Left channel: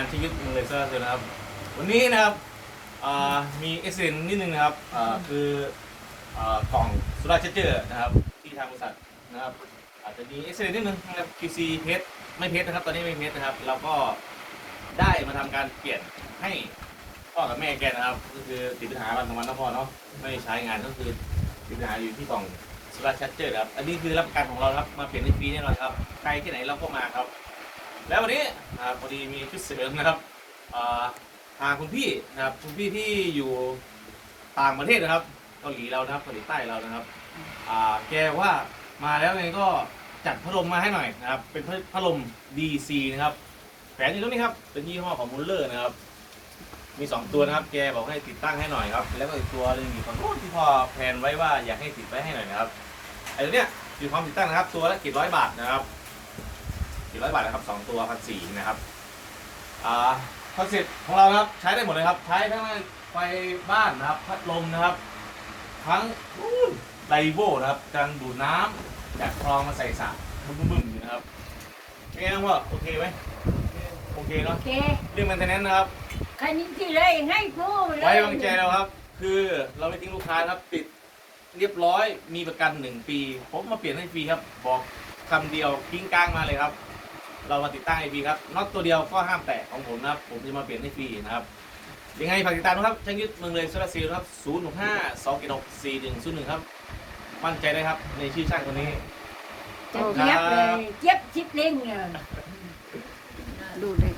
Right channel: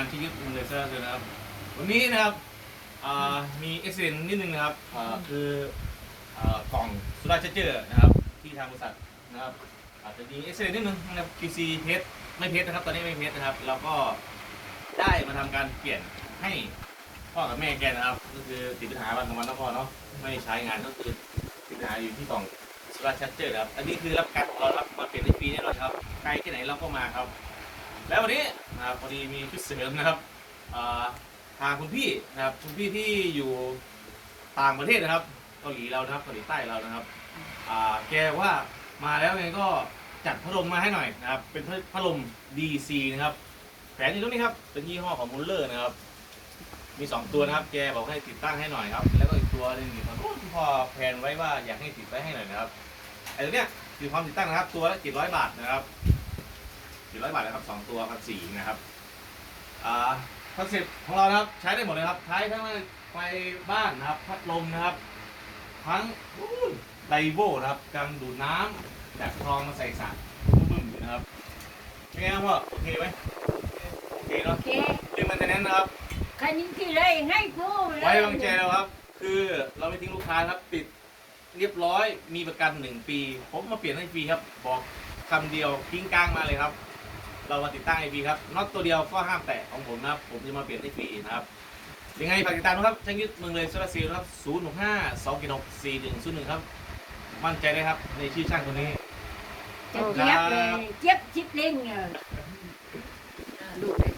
านที่ยึดเลเซอร์เลยนะครับ วันนี้นะครับมีเอเซนนิดนึงนะครับคือกล่องสุราเจเจอร์นะครับที่ทางบริษัทนะครับอาจจะมีเอเซนนิดนึงนะครับ QC เทสไม่เทสนะครับ ตอนนี้ไม่เทสนะครับ เราก็ได้มาทำการเปลี่ยนให้พ่อกับแม่แกนะครับก็คือติดปัญหาวันของมันนะพ่อเนาะไม่ใช้งานก็คือติดปัญหาอยู่ที่กล่องสุราเจเจอร์ครับอันนี้คือรับการของเรารับมาเปลี่ยนในปีนี้แหละครับใครที่ไหนเราก็มาครับ แล้ววันนี้นะครับพอดีมีพิเศษนะครับอ่าทางคุณพี่นะครับคุณพี่ที่อยู่ต่างประเทศนะครับเกาหลีเรานะครับเกาหลีใต้เรานะครับแกว่ามาแล้วไงก็จัดพัดลมมาให้หน่อยนะครับ เป็นพัดลม DC นะครับแฝงอยู่ตรงนี้ครับเป็นยี่ห้อของมูลเลอร์นะครับ มีสองตัวนะครับ แกบอกให้ติดตั้งให้หน่อยครับ แล้วก็อีกตัวนึงอยู่ฝั่งโน้นที่พอแพนไว้ว่าอยากให้ติดไว้ให้หน่อยนะครับไอ้ตัวเนี้ยคือความติดตั้งนะครับ ตัวละกี่ร้อยบาทนะครับ สี่ร้อยบาทนะครับสองตัวพันสี่นะครับอ่าคอนเซ็ปต์ของเรานะครับใช้ได้หมดเลยครับ ใช้ทั้งไฟบ้านนะครับ พัดลมนะครับ ทั้งไดโวนะครับการดูดน้ำจากคลองมาใส่สระบึ้มๆนะครับเป็นไงครับพ่อโอเคไหมโอเคเนาะแกเรื่องมันแต่นั้นนะครับใครนิ่งที่เลยให้กูเลยไว้วางใจเราครับ คือเราไม่ทิ้งลูกค้าครับ ติดเรียบร้อยมีประกันหนึ่งปี ผมมาเปลี่ยนให้ฟรีครับ บอกคำเดียวกิ้งก้างมาเลยครับ เรามาติดตั้งให้ฟรีครับน็อตตัวเดียวก็ห้ามแตะของผมนะครับ ผมจะมาเปลี่ยนให้ฟรีนะครับ ยังไงฝากติดตามนะครับช่างยึดเมืองเลยโซลาร์เซลล์นะครับ0 6 5 2 6 4 1 0 1ครับมั่นใจได้ครับในชื่อช่างคนนี้ เจ็บเลยเจ็บชิบเล่งเนี่ยดูเลย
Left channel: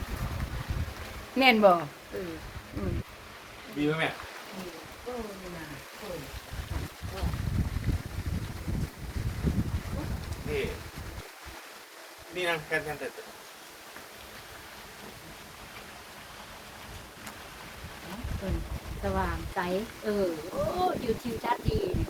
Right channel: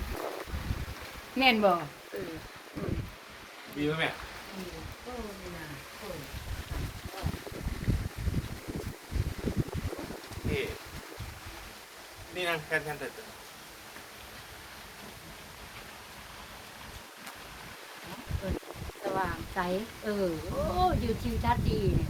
แน่นบ่เอออืมดีไหมแม่โอ้ยนะโอ้ย นี่ นี่นะแฟนแฟนเด็ดสว่างใส เออ โอ้ อยู่ทิวทัศน์ดีนะ